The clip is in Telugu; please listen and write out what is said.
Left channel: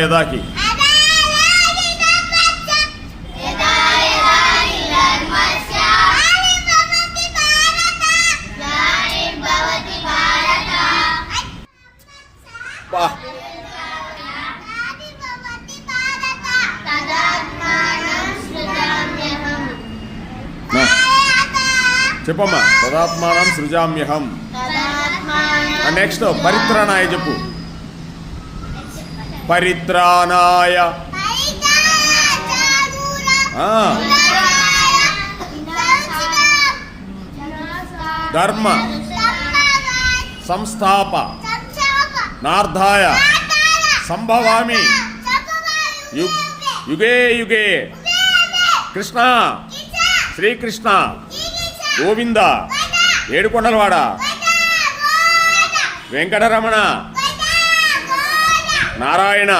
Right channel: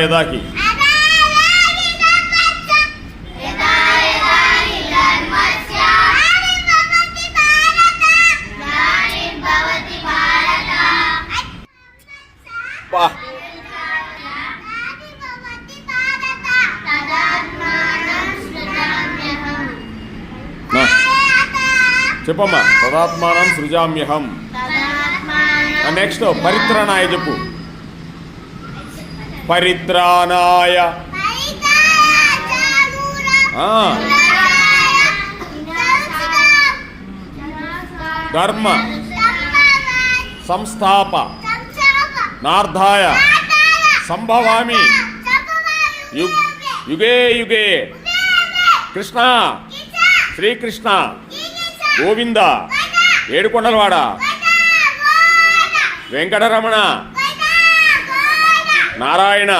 యదాకి చెప్పమ్మా. తదాత్మానం సృజామ్యహం. నెక్స్ట్ పరిత్రాణాయ చెప్పు. పరిత్రాణాయ ధర్మ సంస్థాప నార్ధాయ సంభవామి యుగే యుగే కృష్ణ శ్రీకృష్ణ గోవింద ఏడుకొండలవాడ వెంకటరమణ నారాయణ